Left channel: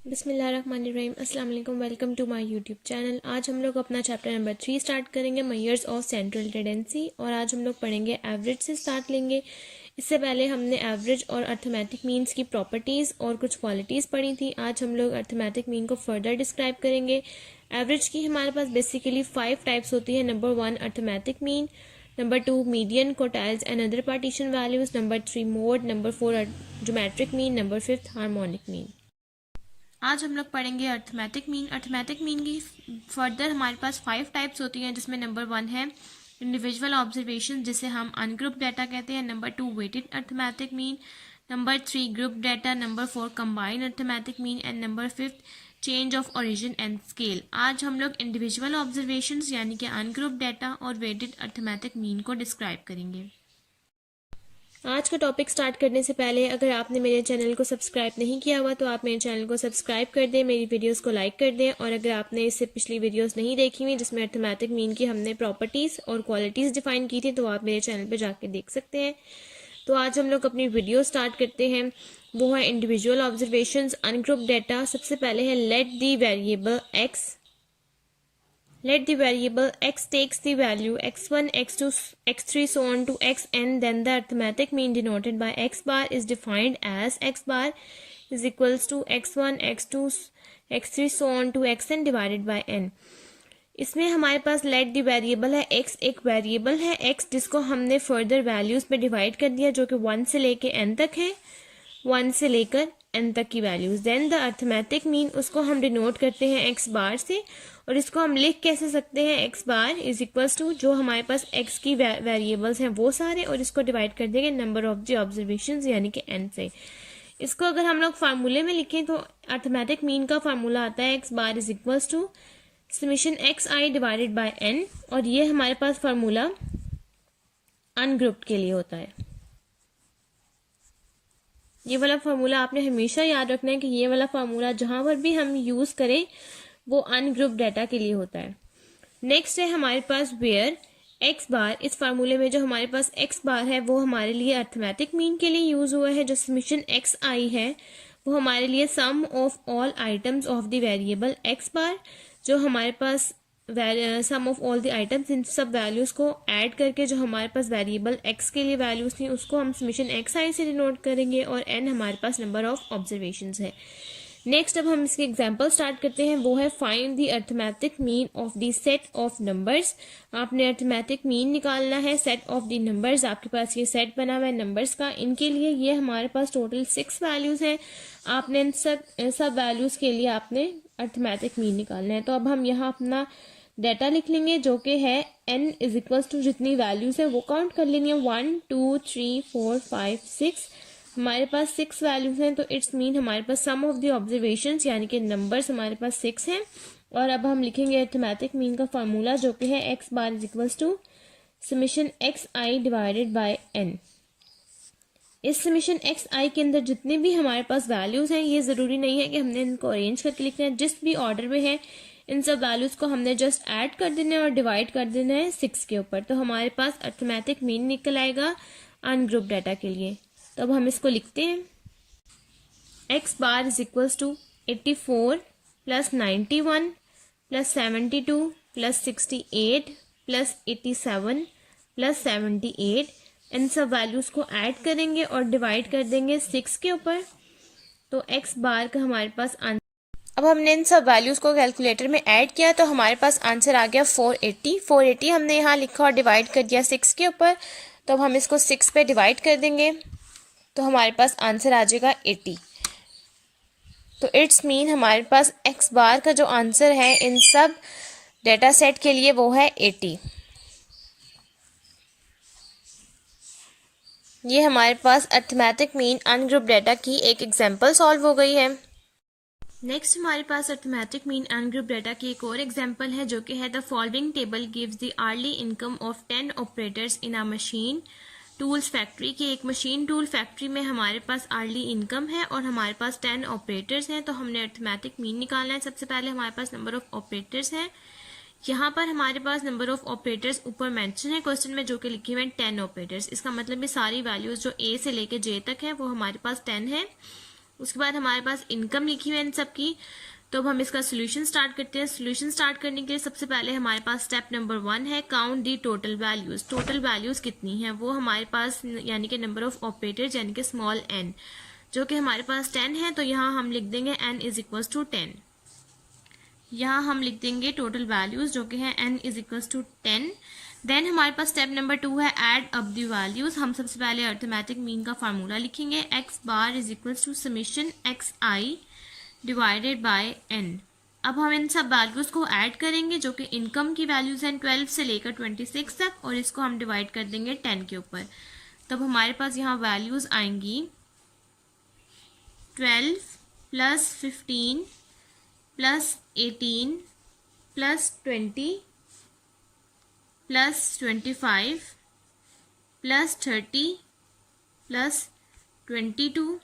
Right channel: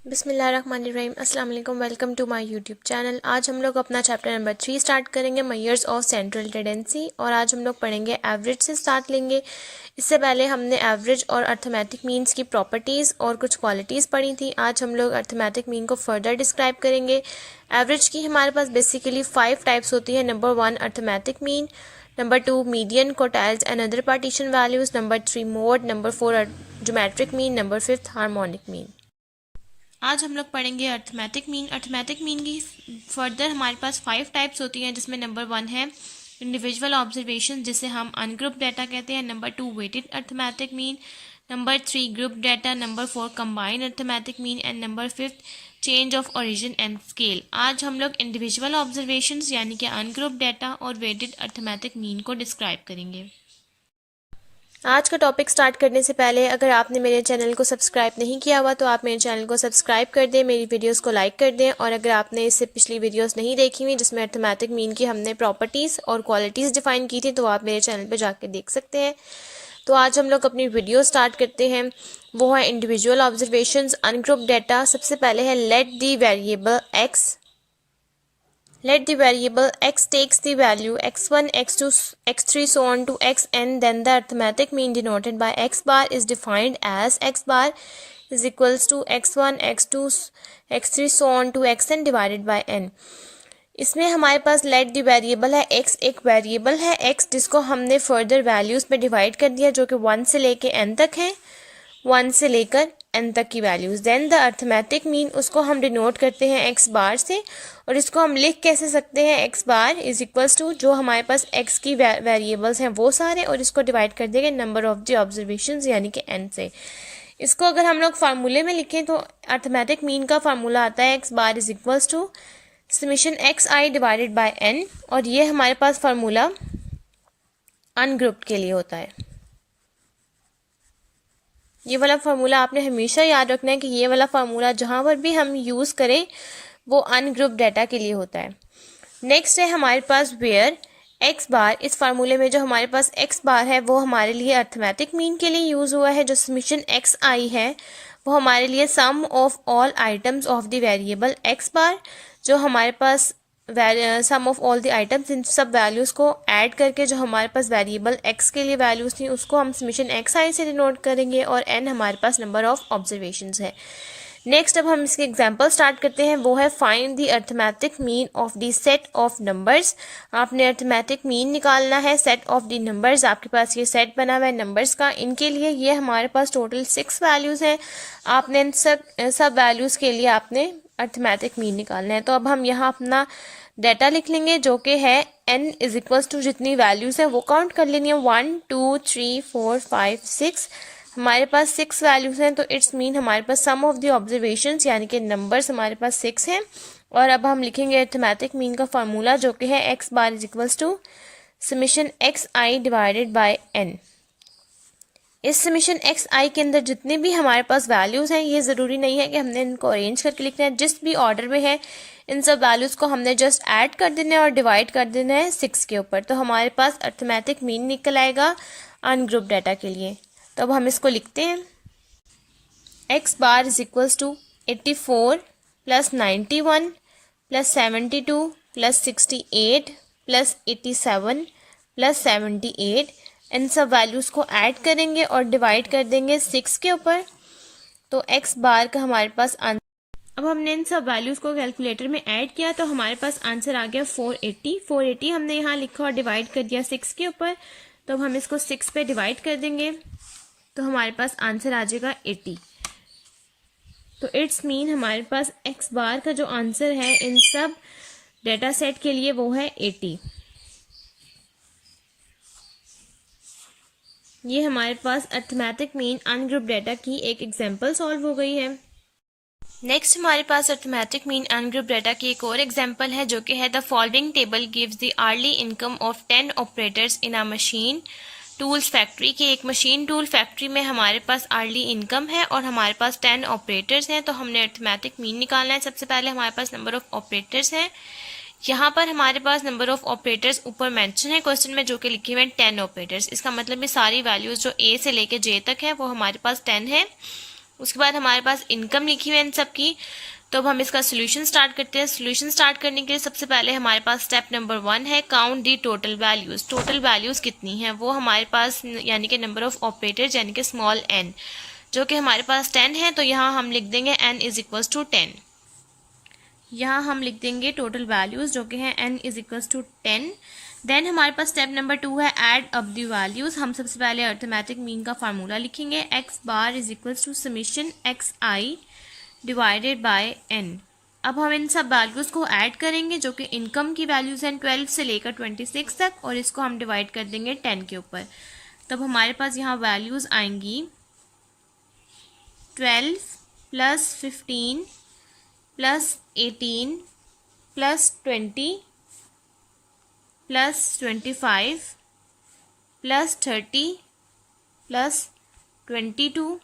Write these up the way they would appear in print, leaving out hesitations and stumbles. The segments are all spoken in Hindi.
बिस्मिल्लाहिर्रहमानिर्रहीम। अस्सलाम वालेकुम। Welcome to my YouTube channel. आज हम लोग अपना चैप्टर नंबर 3 स्टार्ट करेंगे, मेजर्स ऑफ सेंट्रल टेंडेंसी। और आज हम लोग पढ़ेंगे एवरेज से स्टार्ट लेंगे। इससे पहले हमने एवरेज और अर्थमेटिक मीन्स की प्रॉपर्टीज़ और कुछ क्वालिटीज़ पढ़ी थी। आज हम लोग अर्थमेटिक मीन को फर्दर डिस्क्राइब करेंगे। एवरेज की हमारे पास बेसिकली 5 टाइप्स होती है। Number 1 arithmetic mean, number 2 median, quartiles and other partition values, number 3 mode, number 4 geometric mean, number 5 harmonic mean. आज हम लोग पढ़ेंगे अर्थमेटिक मीन। अर्थमेटिक मीन की फर्दर हमारे पास 5 टाइप्स होती हैं, जिसमें नंबर 1 है इंडिविजुअल ऑब्जर्वेशन, जिसे हम अनग्रुप डाटा कहते हैं। Number 2 weighted arithmetic mean, number 3 group data, number 4 combined arithmetic mean and number 5 change of origin and scale. आज हम लोग इंडिविजुअल ऑब्जर्वेशंस यानी कि अनग्रुप डाटा और वेटेड अर्थमेटिक मीन को डिस्क्राइब करेंगे। आज का टॉपिक स्टार्ट करने से पहले अगर आपने मेरे चैनल को सब्सक्राइब नहीं किया हुआ तो आप मेरे चैनल को सब्सक्राइब कर दें, मेरी वीडियोस को लाइक कर दें। और अगर आपने इससे पिछली वीडियोस नहीं देखी हुई जिसमें अर्थमेटिक मीन की हमने प्रॉपर्टीज़ और क्वालिटीज़ डिफाइन की थी, तो आप मेरे चैनल पर जाके देख सकते हैं। तो आज हम लोग अपनी वीडियो स्टार्ट करते हैं, वो है इंडिविजुअल ऑब्जर्वेशंस अनग्रुप डाटा। सबसे पहले है let the variable x takes the value x1, x2, x3 so on to xn, then the arithmetic mean denoted by x bar is defined as x bar is equals to x1, x2, x3 so on to xn divided by n। इसमें हमारे पास लेट द वेरिएबल है x, एक वेरिएबल है x जिसको हमने फर्दर वैल्यूज़ में डिवाइड कर दिया, जो कि 1 से लेके n तक है, 1 से लेकर n तक की values. Then the arithmetic mean, उसको हम डिनोट करते हैं x बार से, और इसको हम लिख कैसे सकते हैं, x bar is equals to जो हमारे पास x की वेरिएबल्स हैं वो सारे, और इसको डिवाइड कर देंगे नंबर ऑफ द ऑब्जर्वेशंस यानी कि n से। इसको अगर हम लोग फार्मूले में लिखें तो अर्थमेटिक मीन का फार्मूला आता है x bar is equals to summation xi divided by n, और ये हमारे पास फार्मूला अनग्रुप्ड के लिए होता है। ये वाला फार्मूला आपने हमेशा याद रखना है कि ये वाला फार्मूला जहाँ पर भी हम यूज़ करें वो अनग्रुप डाटा के लिए होता है। नेक्स्ट है हमारे पास वेयर एक्स बार। इस फार्मूले में जो हमारे पास एक्स बार है वो हमारे लिए अर्थमेटिक मीन के लिए यूज़ हुआ है। जो समेशन एक्स आई है वो हमारे लिए sum of all items of the variable x bar, जो हमारे पास sum of all the items, इन सब वैल्यूज़ को ऐड करके जो हमारे पास वेरिएबल एक्स के लिए वैल्यूज़ थी उसको हम समेशन एक्स आई से डिनोट करेंगे, और एन हमारे पास नंबर ऑफ ऑब्जर्वेशंस है। नेक्स्ट अब हम इसके एग्जांपल स्टार्ट करते हैं, वो है find the arithmetic mean of the set of numbers. आपने अर्थमेटिक मीन निकालना है सेट ऑफ द नंबर्स। आपके पास ये सेट बना हुआ है नंबर्स का, इनके लिए ये हमारे पास टोटल 6 वैल्यूज़ हैं। आपने इन सब वैल्यूज़ के लिए आपने अर्थमेटिक मीन निकालना है। तो अब हम यहाँ अपना डाटा लिख लेंगे, जो कि है n इज इक्वल्स टू जितनी वैल्यूज़ है वो काउंट कर लेनी है, 1 2 3 4 5 6। हमारे पास 6 वैल्यूज़ हैं, तो इट्स मीन हमारे पास सम ऑफ द ऑब्जर्वेशंस यानी कि नंबर्स हमारे पास 6 हैं। और अब हम लिखेंगे अर्थमेटिक मीन का फार्मूला, जो कि है x bar is equals to summation x i divided by n। इस समेशन एक्स आई के अंदर जितने भी हमारे पास वैल्यूज़ हैं, ये ज़रूरी नहीं है कि हमने इनको अरेंज करके लिखना है, जिस भी ऑर्डर में है इन सब वैल्यूज़ को हमने जस्ट ऐड कर देना है और डिवाइड कर देना है 6 के ऊपर। तो हमारे पास अर्थमेटिक मीन निकल आएगा अनग्रुप डाटा के लिए। तो अब हम इसको लिखते हैं, x bar is equals to 84 plus 91 plus 72 plus 68 plus 87 plus 78। इन सब वैल्यूज़ को ऐड करेंगे और डिवाइड कर देंगे 6 के ऊपर। तो एक्स बार का हमारे पास आंसर, अब हमने इन सब वैल्यूज़ को कैलकुलेटर में ऐड किया तो हमारे पास आंसर आ गया 480 हमने यहाँ लिखा और डिवाइड कर दिया 6 के ऊपर। तो अब हम इसको 6 पे डिवाइड कर देंगे तो हमारे पास आंसर आ जाएगा 80। तो इट्स मीन हमारे पास एक्स बार का जो आंसर है इन सब डेटा सेट के लिए वो है 80। ये हमारे पास अर्थमेटिक मीन अनग्रुप डाटा की एक एग्जांपल सॉल्व हो गई है। नेक्स्ट हमारे पास अर्थमेटिक मीन अनग्रुप डाटा की एक और एग्जांपल है, जो कि है the following table gives the early income of 10 operators in a machine tools factory. की एक मशीन टूल फैक्ट्री में हमारे पास अर्ली इनकम है और हमारे पास 10 ऑपरेटर्स हैं। तो हमने अर्थमेटिक मीन निकालना है। सबसे पहले हमारे पास नंबर ऑफ ऑपरेटर्स हैं। यहाँ पर हमारे पास नंबर ऑफ ऑपरेटर्स ऊपर मेंशन है क्वेश्चन में, जो कि लिखे हुए हैं 10 ऑपरेटर्स। इसका मतलब ये सारी वैल्यूज़ जो ए से लेके जे तक है वो हमारे पास 10 है। उसके बाद हमारे पास इनकम लिखी हुई है इन सब की। तो अब हम इसका सोल्यूशन स्टार्ट करते हैं। सोल्यूशन स्टार्ट करने के लिए सबसे पहले हमारे पास स्टेप नंबर 1 है काउंट दी टोटल वैल्यूज़। टोटल वैल्यूज़ कितनी हैं वो हमारे पास यानी कि नंबर ऑफ़ ऑपरेटर्स यानी कि स्मॉल n, जो कि हमारे पास 10 है। तो यहाँ हम लिख देंगे n इज इक्वल्स टू 10। यहाँ हम लिख देंगे टोटल वैल्यूज़ जो कि है n is equals to 10। Then हमारे पास स्टेप नंबर 2 है ऐड अप दी वैल्यूज़। हम सबसे पहले अर्थमेटिक मीन का फार्मूला लिखेंगे, x bar is equals to summation xi divided by n। अब हम इन सब वैल्यूज़ को ऐड करेंगे जो कि इनकम की वैल्यूज़ हैं 12 से लेकर 26 तक, और इसको हम डिवाइड कर देंगे 10 के ऊपर। तब हमारे पास यहाँ वैल्यूज़ आएंगी 12 plus 15 plus 18 plus 20 plus 25 plus 30 plus 22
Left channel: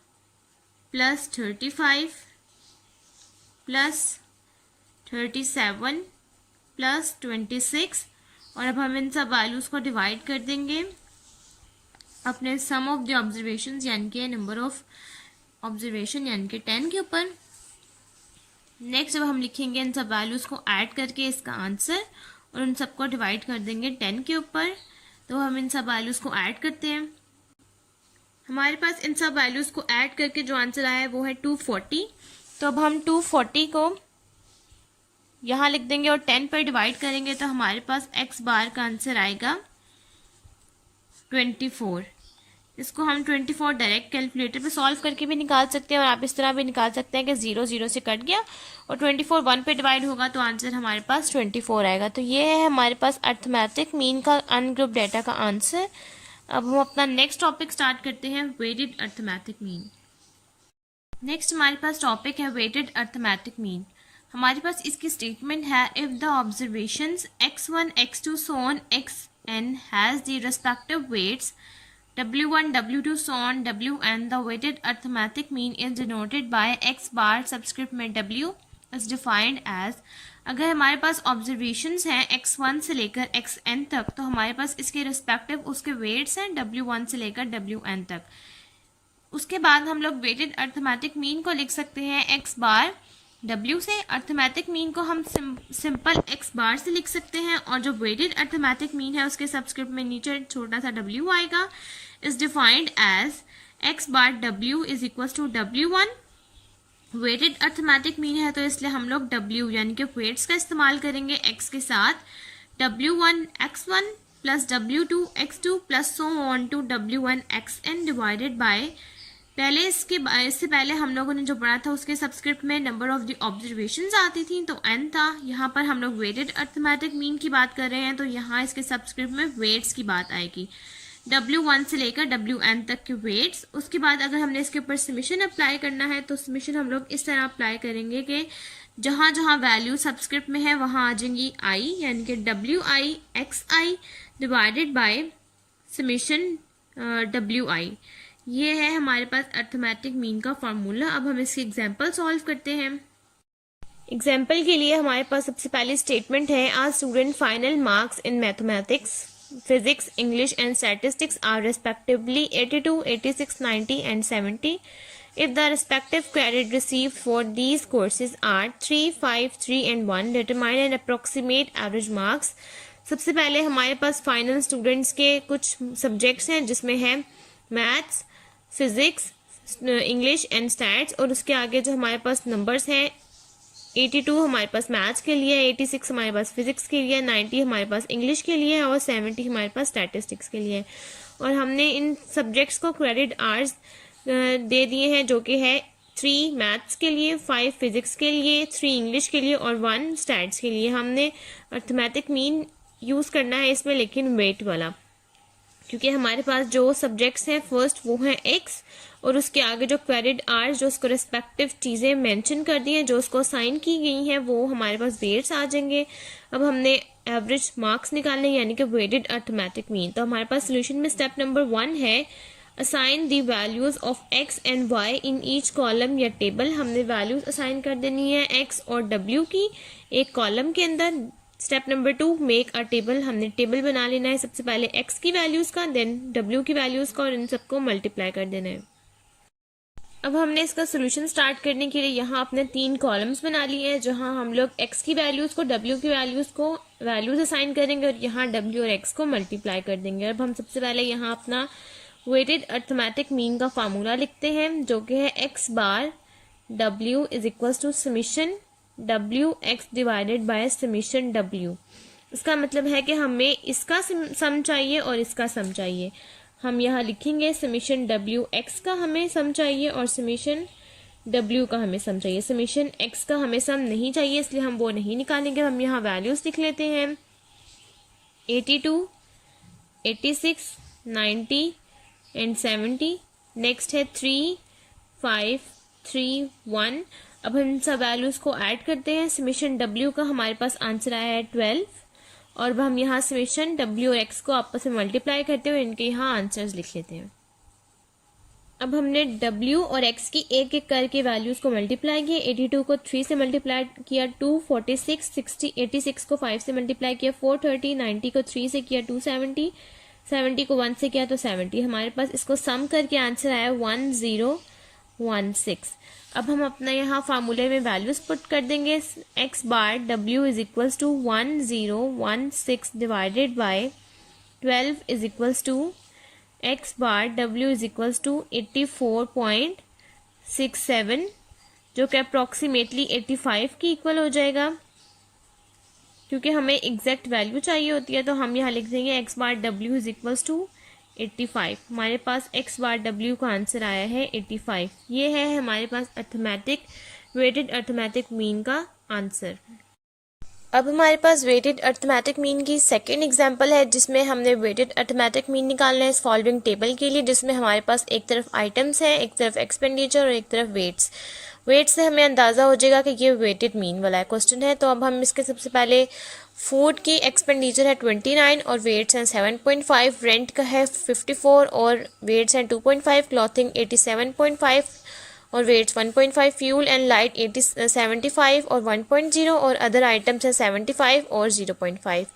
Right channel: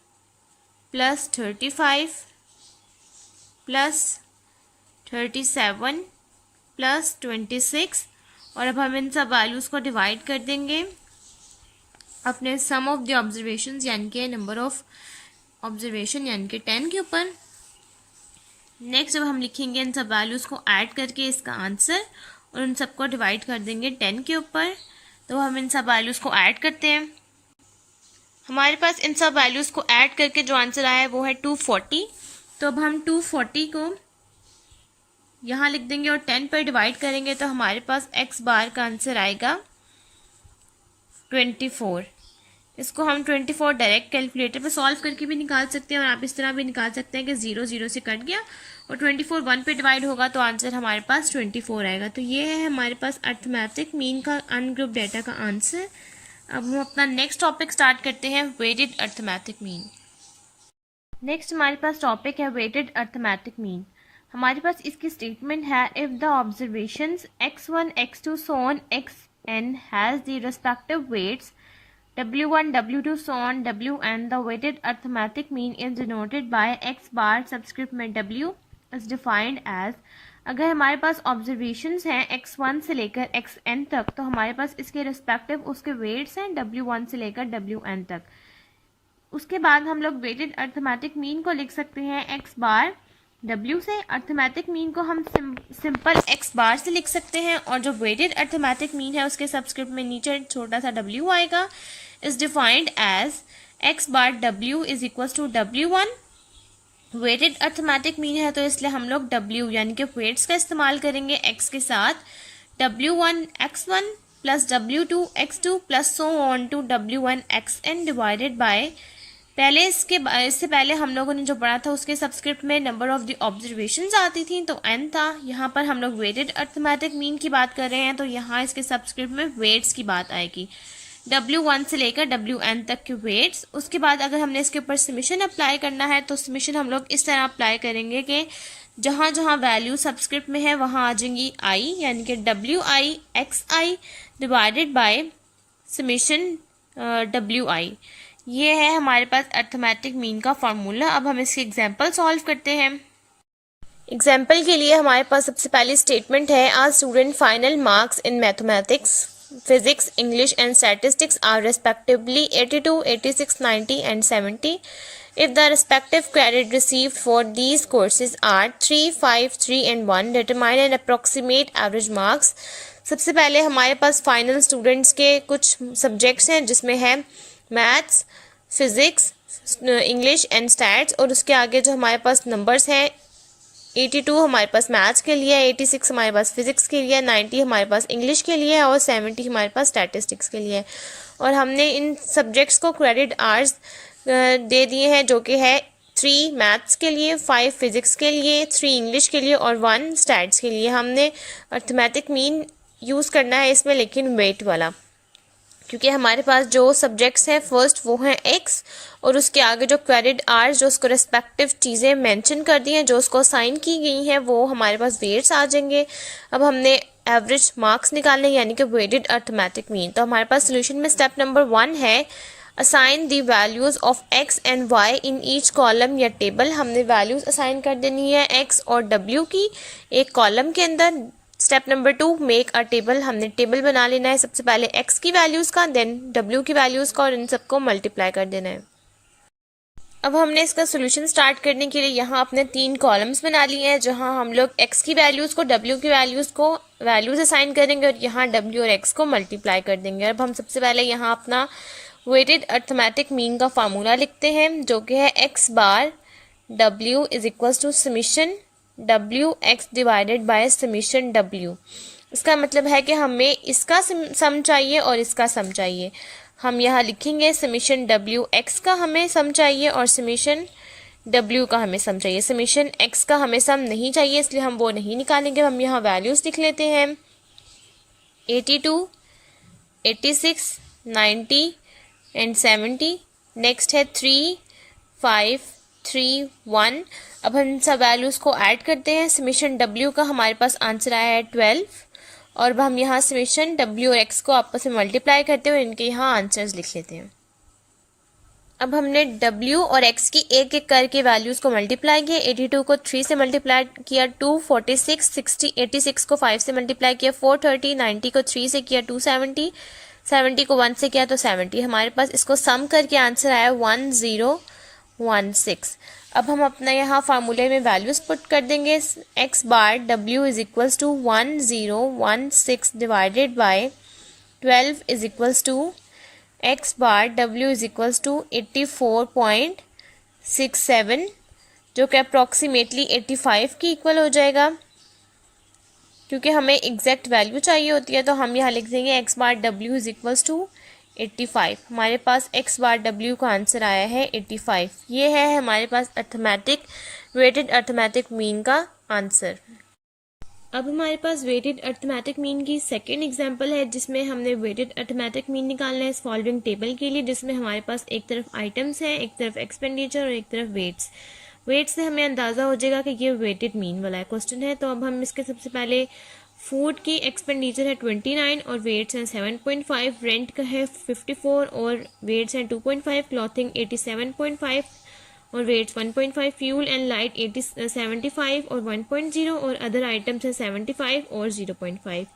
plus 35 plus 37 plus 26। और अब हम इन सब वैल्यूज़ को डिवाइड कर देंगे अपने सम ऑफ द ऑब्जर्वेशंस यानी कि नंबर ऑफ ऑब्जर्वेशन यानी कि 10 के ऊपर। नेक्स्ट अब हम लिखेंगे इन सब वैल्यूज़ को ऐड करके इसका आंसर, और उन सबको डिवाइड कर देंगे 10 के ऊपर। तो हम इन सब वैल्यूज़ को ऐड करते हैं। हमारे पास इन सब वैल्यूज़ को ऐड करके जो आंसर आया है वो है 240। तो अब हम 240 को यहाँ लिख देंगे और 10 पर डिवाइड करेंगे तो हमारे पास x बार का आंसर आएगा 24। इसको हम 24 डायरेक्ट कैलकुलेटर पे सॉल्व करके भी निकाल सकते हैं, और आप इस तरह भी निकाल सकते हैं कि 0 0 से कट गया और 24 1 पे डिवाइड होगा तो आंसर हमारे पास 24 आएगा। तो ये है हमारे पास अर्थमेटिक मीन का अनग्रुप डेटा का आंसर। अब हम अपना नेक्स्ट टॉपिक स्टार्ट करते हैं, वेटेड अर्थमेटिक मीन। नेक्स्ट हमारे पास टॉपिक है वेटेड अर्थमेटिक मीन। हमारे पास इसकी स्टेटमेंट है if the observations x1 x2 so on xn has the respective weights w1 w2 so on wn, the weighted arithmetic mean is denoted by x bar subscript में w is defined as। अगर हमारे पास ऑब्जर्वेशंस हैं x1 से लेकर xn तक तो हमारे पास इसके रिस्पेक्टिव उसके वेट्स हैं w1 से लेकर wn तक। उसके बाद हम लोग वेटेड अर्थमेटिक मीन को लिख सकते हैं x बार w से। अर्थमेटिक मीन को हम सिंपल x बार से लिख सकते हैं, और जो वेटेड अर्थमेटिक मीन है उसके सबस्क्रिप्ट में नीचे छोटा सा w आएगा। Is defined as x bar w is equals to w1। Weighted arithmetic mean है तो इसलिए हम लोग w यानी कि वेट्स का इस्तेमाल करेंगे x के साथ, w1 x1 plus w2 x2 plus so on to w1 xn divided by. पहले इससे पहले हम लोगों ने जो पढ़ा था उसके सबस्क्रिप्ट में नंबर ऑफ द ऑब्जर्वेशंस आती थी तो n था। यहाँ पर हम लोग वेटेड अर्थमेटिक मीन की बात कर रहे हैं तो यहाँ इसके सबस्क्रिप्ट में वेट्स की बात आएगी, w1 से लेकर wn तक के वेट्स। उसके बाद अगर हमने इसके ऊपर समेशन अप्लाई करना है तो समेशन हम लोग इस तरह अप्लाई करेंगे कि जहाँ जहाँ वैल्यू सबस्क्रिप्ट में है वहाँ आ जाएंगी i यानी कि wi xi divided by summation wi। ये है हमारे पास अर्थमेटिक मीन का फार्मूला। अब हम इसकी एग्जांपल सॉल्व करते हैं। एग्जांपल के लिए हमारे पास सबसे पहली स्टेटमेंट है आज student final marks in mathematics physics English and statistics are respectively 82 86 90 and 70 if the respective credit received for these courses are 3 5 3 and 1 determine an approximate average marks। सबसे पहले हमारे पास फाइनल स्टूडेंट्स के कुछ सब्जेक्ट्स हैं जिसमें है maths physics English and stats, और उसके आगे जो हमारे पास नंबर्स हैं 82 हमारे पास मैथ्स के लिए है, 86 हमारे पास फिज़िक्स के लिए, 90 हमारे पास इंग्लिश के लिए है और 70 हमारे पास स्टैटिस्टिक्स के लिए है। और हमने इन सब्जेक्ट्स को क्रेडिट आवर्स दे दिए हैं जो कि है 3 मैथ्स के लिए, 5 फिज़िक्स के लिए, 3 इंग्लिश के लिए और 1 स्टैट्स के लिए। हमने अर्थमेटिक मीन यूज़ करना है इसमें लेकिन वेट वाला, क्योंकि हमारे पास जो सब्जेक्ट्स हैं फर्स्ट वो हैं एक्स और उसके आगे जो क्रेडिट आवर्स जो उसको रेस्पेक्टिव चीज़ें मेंशन कर दी हैं जो उसको असाइन की गई हैं वो हमारे पास वेट्स आ जाएंगे। अब हमने एवरेज मार्क्स निकालने यानी कि वेटेड अर्थमेटिक मीन। तो हमारे पास सोल्यूशन में स्टेप नंबर 1 है assign the values of x and y in each column या टेबल। हमने वैल्यूज़ असाइन कर देनी है एक्स और डब्ल्यू की एक कॉलम के अंदर। Step number 2 make a table. हमने टेबल बना लेना है सबसे पहले एक्स की वैल्यूज़ का, देन डब्ल्यू की वैल्यूज़ का और इन सबको मल्टीप्लाई कर देना है। अब हमने इसका सोल्यूशन स्टार्ट करने के लिए यहाँ अपने 3 कॉलम्स बना लिए हैं, जहाँ हम लोग x की वैल्यूज़ को w की वैल्यूज़ असाइन करेंगे और यहाँ w और x को मल्टीप्लाई कर देंगे। अब हम सबसे पहले यहाँ अपना वेटेड अर्थमेटिक मीन का फार्मूला लिखते हैं, जो कि है x bar w is equals to summation w x divided by summation w। इसका मतलब है कि हमें इसका सम चाहिए और इसका सम चाहिए। हम यहाँ लिखेंगे समीशन w x का हमें सम चाहिए और समीशन w का हमें सम चाहिए। समीशन x का हमें सम नहीं चाहिए, इसलिए हम वो नहीं निकालेंगे। हम यहाँ वैल्यूज़ लिख लेते हैं 82, 86, 90 एंड 70। नेक्स्ट है 3, 5, 3, 1। अब हम इन सब वैल्यूज़ को ऐड करते हैं। समीशन w का हमारे पास आंसर आया है 12 और अब हम यहाँ समीशन w और x को आपस में मल्टीप्लाई करते हैं और इनके यहाँ आंसर्स लिख लेते हैं। अब हमने w और x की एक एक करके वैल्यूज़ को मल्टीप्लाई किया। 82 को 3 से मल्टीप्लाई किया 2, 46, 60, 86 को 5 से मल्टीप्लाई किया 430, 90 को 3 से किया 270, 70 को 1 से किया तो 70। हमारे पास इसको सम करके आंसर आया 1016। अब हम अपना यहाँ फार्मूले में वैल्यूज़ पुट कर देंगे। x bar w is equals to 1016 divided by 12 is equals to x bar w is equals to 84.67, जो कि अप्रॉक्सीमेटली 85 की इक्वल हो जाएगा। क्योंकि हमें एग्जैक्ट वैल्यू चाहिए होती है तो हम यहाँ लिख देंगे x bar w is equals to 85। हमारे पास x बार w का आंसर आया है 85। ये है हमारे पास वेटेड अर्थमेटिक मीन का आंसर। अब हमारे पास वेटेड अर्थमेटिक मीन की सेकेंड एग्जांपल है, जिसमें हमने वेटेड अर्थमेटिक मीन निकालना है इस फॉलोइंग टेबल के लिए, जिसमें हमारे पास एक तरफ आइटम्स हैं, एक तरफ एक्सपेंडिचर और एक तरफ वेट्स। वेट से हमें अंदाज़ा हो जाएगा कि ये वेटेड मीन वाला क्वेश्चन है। तो अब हम इसके सबसे पहले फूड की एक्सपेंडिचर है 29 और वेट्स हैं 7.5, रेंट का है 54 और वेट्स हैं 2.5, क्लॉथिंग 87.5 और वेट्स 1.5, फ्यूल एंड लाइट 75 और 1.0 और अदर आइटम्स हैं 75 और 0.5।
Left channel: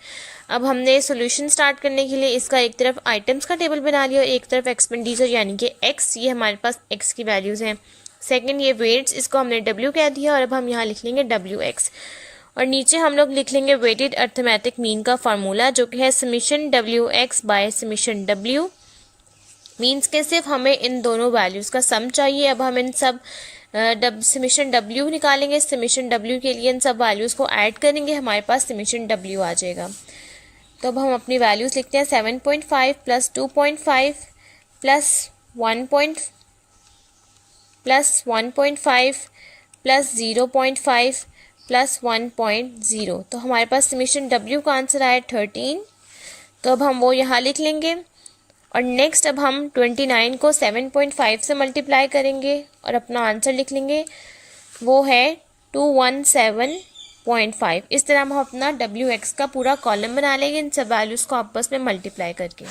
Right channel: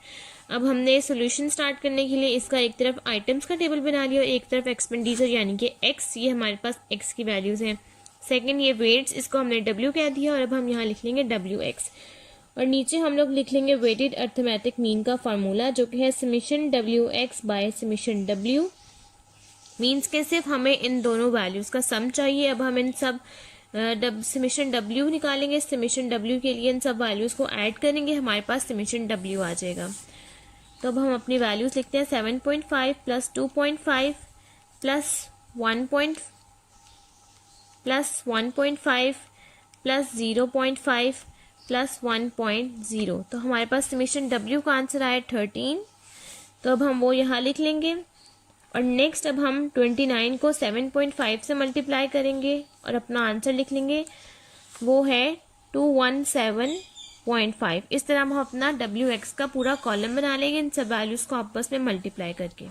अब हमने सॉल्यूशन स्टार्ट करने के लिए इसका एक तरफ आइटम्स का टेबल बना लिया और एक तरफ एक्सपेंडिचर यानी कि x, ये हमारे पास x की वैल्यूज़ हैं। सेकंड ये वेट्स, इसको हमने w कह दिया और अब हम यहाँ लिख लेंगे wx और नीचे हम लोग लिख लेंगे वेटेड अर्थमेटिक मीन का फार्मूला, जो कि है summation wx bye summation w। Means के सिर्फ हमें इन दोनों वैल्यूज़ का सम चाहिए। अब हम इन सब समीशन w निकालेंगे। समीशन w के लिए इन सब वैल्यूज़ को ऐड करेंगे, हमारे पास समीशन w आ जाएगा। तो अब हम अपनी वैल्यूज़ लिखते हैं 7.5 प्लस 2.5 प्लस 1.5 प्लस 0.5 प्लस 1.0। तो हमारे पास समीशन w का आंसर आया 13। तो अब हम वो यहाँ लिख लेंगे और नेक्स्ट अब हम 29 को 7.5 से मल्टीप्लाई करेंगे और अपना आंसर लिख लेंगे, वो है 217.5। इस तरह हम अपना wx का पूरा कॉलम बना लेंगे इन सब वैल्यूज़ को आपस में मल्टीप्लाई करके।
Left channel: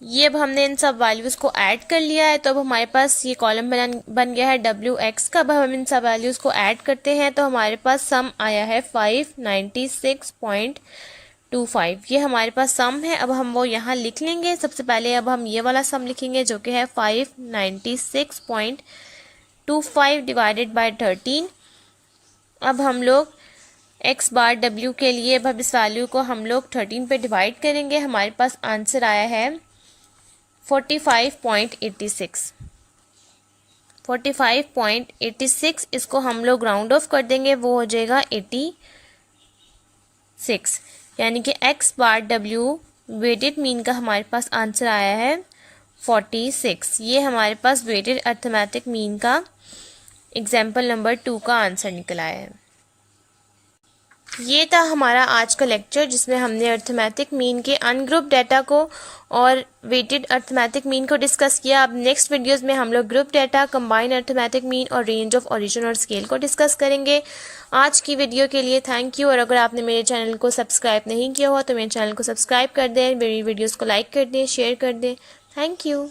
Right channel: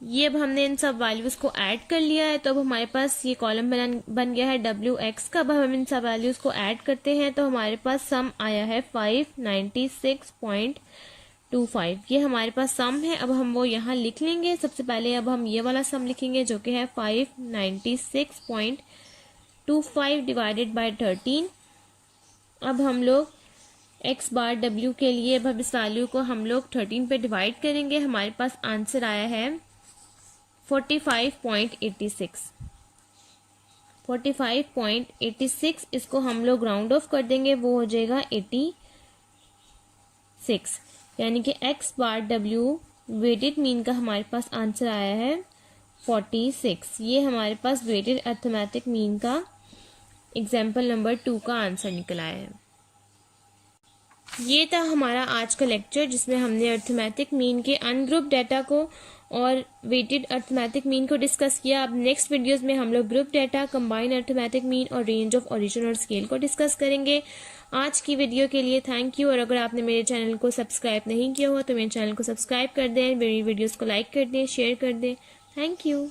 ये अब हमने इन सब वैल्यूज़ को ऐड कर लिया है, तो अब हमारे पास ये कॉलम बन गया है wx का। अब हम इन सब वैल्यूज़ को ऐड करते हैं तो हमारे पास सम आया है 596.25। ये हमारे पास सम है। अब हम वो यहाँ लिख लेंगे। सबसे पहले अब हम ये वाला सम लिखेंगे, जो कि है 596.25 डिवाइडेड बाय 13। अब हम लोग x बार w के लिए अब इस वैल्यू को हम लोग 13 पे डिवाइड करेंगे। हमारे पास आंसर आया है 45.86। इसको हम लोग राउंड ऑफ कर देंगे, वो हो जाएगा 86। यानी कि x bar w weighted mean का हमारे पास आंसर आया है 46। ये हमारे पास वेटेड अर्थमेटिक मीन का एग्जाम्पल नंबर 2 का आंसर निकल आया है। ये था हमारा आज का लेक्चर, जिसमें हमने अर्थमेटिक मीन के अनग्रुप डाटा को और वेटेड अर्थमेटिक मीन को डिस्कस किया। अब नेक्स्ट वीडियोस में हम लोग group data, combined arithmetic mean और रेंज ऑफ ओरिजिन और स्केल को डिस्कस करेंगे। आज की वीडियो के लिए थैंक यू। और अगर आपने मेरे चैनल को सब्सक्राइब नहीं किया हुआ तो मेरे चैनल को सब्सक्राइब कर दें, मेरी वीडियोज़ को लाइक कर दें, शेयर कर दें। Thank you.